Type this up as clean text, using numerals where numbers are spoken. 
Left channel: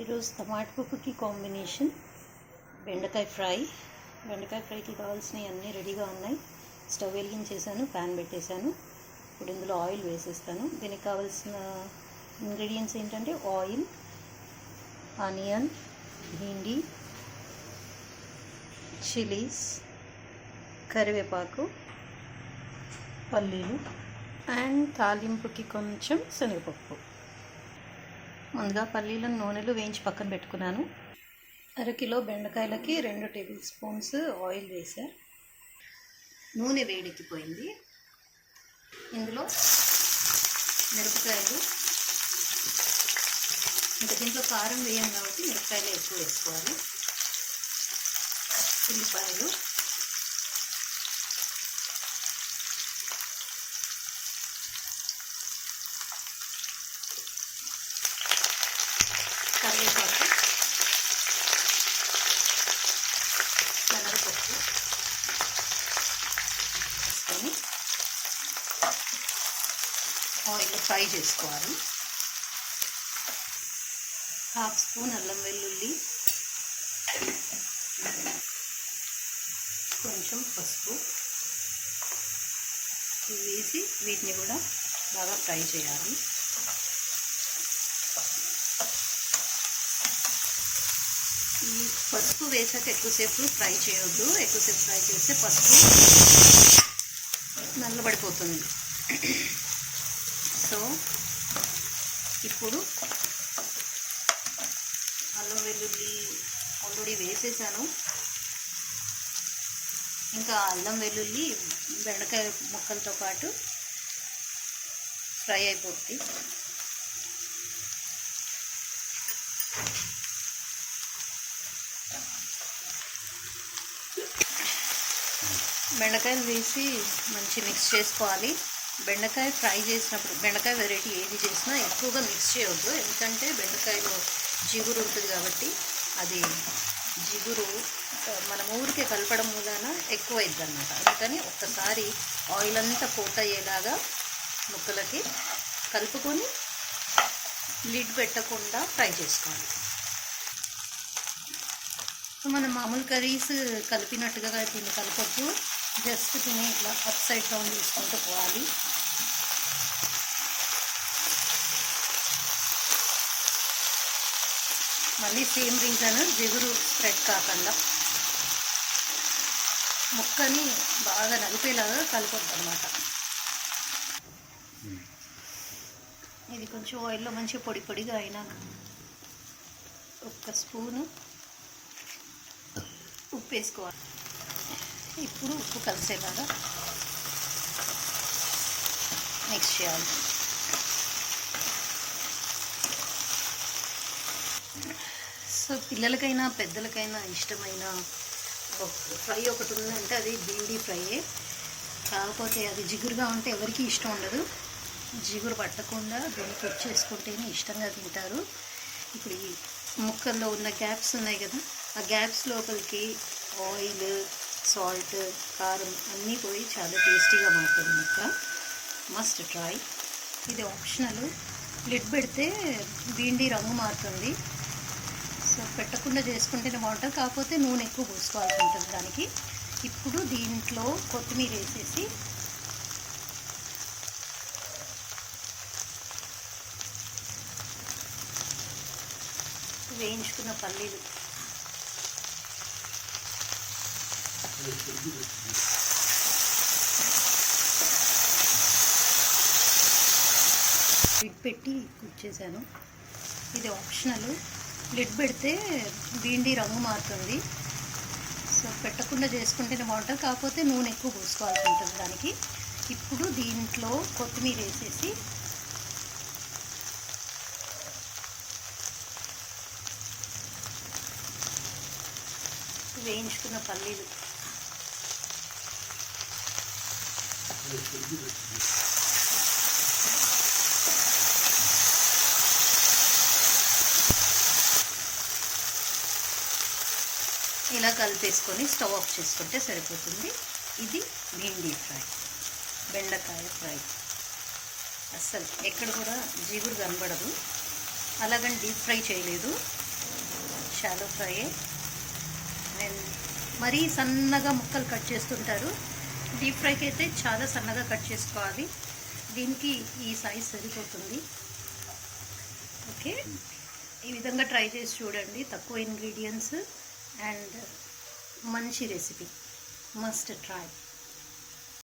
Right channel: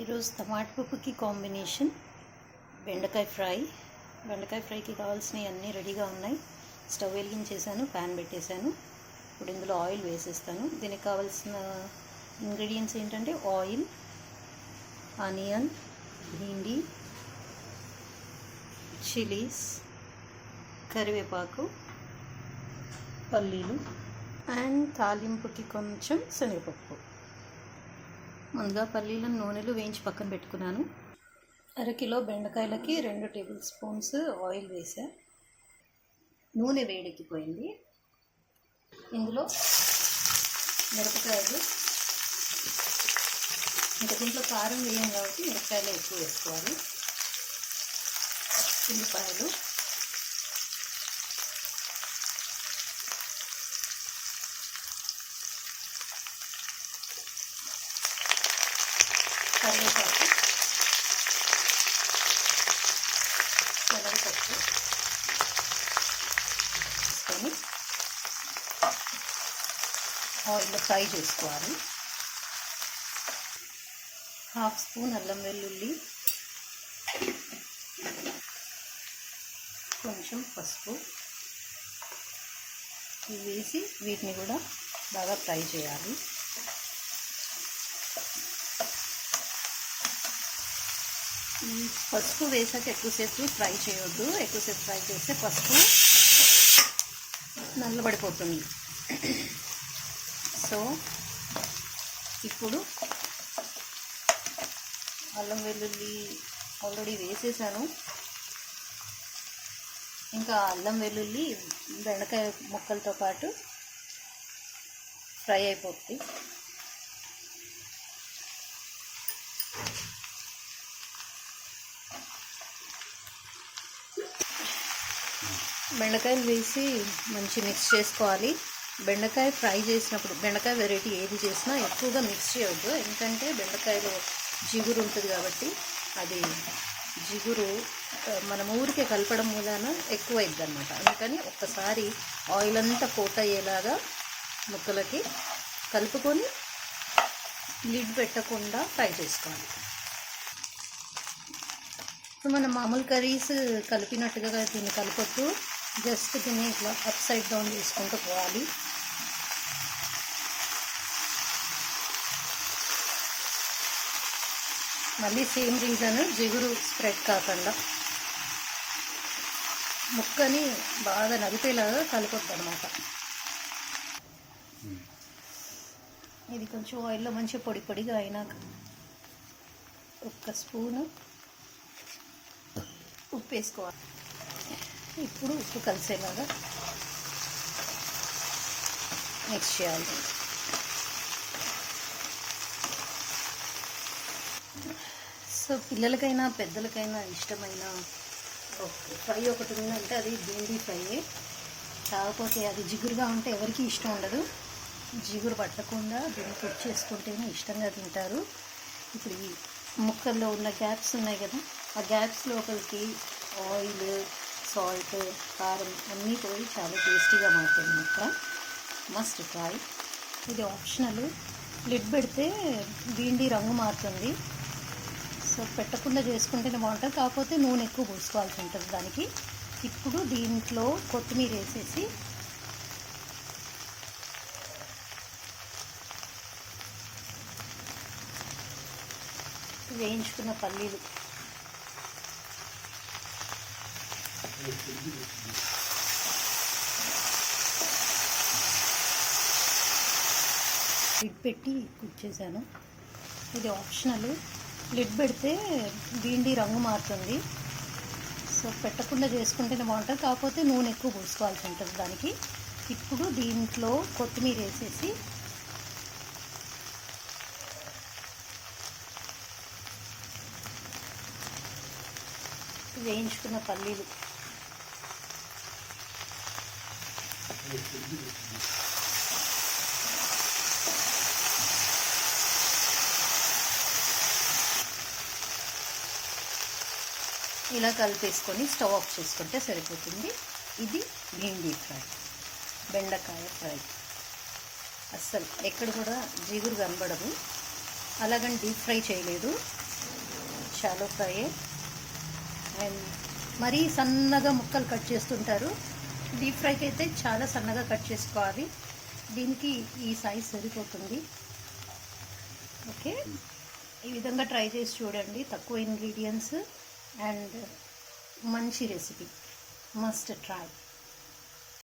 ఈరోజు టమాటా పప్పుకి కాంబినేషన్ బెండకాయ ఫ్రైకి కావాల్సినవి అన్నీ రెడీగా ఉన్నాయి. స్టవ్ వెలిగించేసాను, ప్యాన్ పెట్టేశాను. ఇప్పుడు ఇందులో ఆయిల్ వేసేస్తాను. దీనికి కావాల్సిన ఇంగ్రీడియంట్స్ ఏంటంటే ఆయిల్, ఆనియన్, భిండి, చిలీస్, కరివేపాకు, పల్లీలు అండ్ తాలింపుకి కొంచెం శనగపప్పు. ముందుగా పల్లీలను నూనెలో వేయించి పక్కన పెట్టుకున్నాను. అరకిలో బెండకాయలకి 2 టేబుల్ స్పూన్స్ ఆయిల్ వేసా. నూనె వేడెక్కిపోయింది. ఇందులో మిరపకాయలు, ఇంకా దీంట్లో కారం వేయం కాబట్టి మిరపకాయలు ఎక్కువ వేసుకోవాలి. ఉల్లిపాయలు, కరివేపాకు, శనగపప్పు వేసుకొని ఆయిల్లో ఫ్రై చేసుకోవాలి. 1/2 స్పూన్ అల్లం వెల్లుల్లి, కొంచెం పసుపు వేసి వీటిని కూడా బాగా ఫ్రై చేయాలి. ఈ పసుపు వేసాక ఎక్కువసేపు ఫ్రై చేయొద్దు. ఎక్కువసేపు ఫ్రై చేస్తే పసుపు నల్లబడిపోతుంది. సో ఇప్పుడు అల్లం వెల్లుల్లి ఆల్రెడీ వేసేసాను. ఇంకా అల్లం వెల్లుల్లి బెండకాయ ముక్కలతో పాటు ఫ్రై అయిపోతుంది. బెండకాయలు వేసి మంచి మిక్స్ చేసుకోవాలి. బెండకాయ ఫ్రై చేసినప్పుడు బెండకాయ వెరైటీ ఏది చేసినా ఎక్కువగా మిక్స్ చేయవద్దు. ఎందుకంటే బెండకాయలో జిగురు ఉంటుంది కాబట్టి అది జిగురు మనం ఊరికే కలపడం మూలన ఎక్కువ అవుతుంది అన్నమాట. అందుకని ఒక్కసారి ఆయిల్ అంతా కోట్ అయ్యేలాగా ముక్కలకి కలుపుకొని లిడ్ పెట్టకుండా ఫ్రై చేసుకోవాలి. మనం మామూలు కర్రీస్ కలిపినట్టుగా దీన్ని కలపొద్దు. జస్ట్ దీన్ని ఇట్లా అప్ సైడ్ డౌన్ చేసుకుంటూ పోవాలి. మళ్ళీ సేమ్ రీజన్, జిగురు స్ప్రెడ్ కాకుండా ముక్కని బాగా నలిపేలాగా కలపొద్దు అన్నమాట. ఇది కొంచెం ఆయిల్లో మంచిగా పొడి పొడిగా అయినాక 1 స్పూను ఉప్పు వేసుకోవాలి. ఇప్పుడు ఉప్పు కలిసేలాగా మిక్స్ చేయాలి. సో పిల్లలకైనా పెద్దలకైనా ఇష్టమైన ఫ్రై ఒకటి ఉందంటే అది భిండి ఫ్రైయే. కాకపోతే అది జిగురుగా ఉంటే ఎవరికి ఇష్టం ఉండదు. జిగురు పట్టకుండా దీన్ని కుక్ చేసుకుంటేనే ఇష్టంగా తింటారు. ఇప్పుడు ఈ ముక్కల్లో ఉన్న గ్యాప్స్ ఉన్నాయి కదా, ఆ గ్యాప్స్ లోపలికి ఆయిల్, సాల్ట్, కారం అన్నీ పోయి చాలా టేస్టీగా మారుతుంది ముక్క. Must try. ఇది ఆప్షనల్. లిడ్ పెడితే భిండి రంగు మారుతుంది. సో పెట్టకుండా చేసుకుంటేనే బాగుంటుంది. కాకపోతే నూనె ఎక్కువ పోసుకోవాల్సి ఉంటుంది దానికి. ఇప్పుడు దీంట్లో కొత్తిమీర వేసేసి వేయించుకున్న పల్లీలు లిడ్ పెట్టి కుక్ చేశాను. ఇది ఆప్షనల్. లిడ్ పెడితే భిండి రంగు మారుతుంది. సో పెట్టకుండా చేసుకుంటేనే బాగుంటుంది. కాకపోతే నూనె ఎక్కువ పోసుకోవాల్సి ఉంటుంది దానికి. ఇప్పుడు దీంట్లో కొత్తిమీర వేసేసి వేయించుకున్న పల్లీలు ఇలా కలిపేసుకొని స్టవ్ ఆఫ్ చేసుకుంటే సరిపోతుంది. ఇది భిండి ఫ్రై, బెండకాయ ఫ్రై. అస్సలు ఎక్కడ కూడా జిగురు కనబడదు. అలాగని డీప్ ఫ్రై చేయలేదు. Shallow fry. అండ్ మరీ సన్నగా ముక్కలు కట్ చేస్తుంటారు. డీప్ ఫ్రైకి అయితే చాలా సన్నగా కట్ చేసుకోవాలి. దీనికి ఈ సైజ్ సరిపోతుంది. ఓకే, ఈ విధంగా ట్రై చేసి చూడండి. తక్కువ ఇంగ్రీడియంట్స్ అండ్ మంచి రెసిపీ, మస్ట్ ట్రై.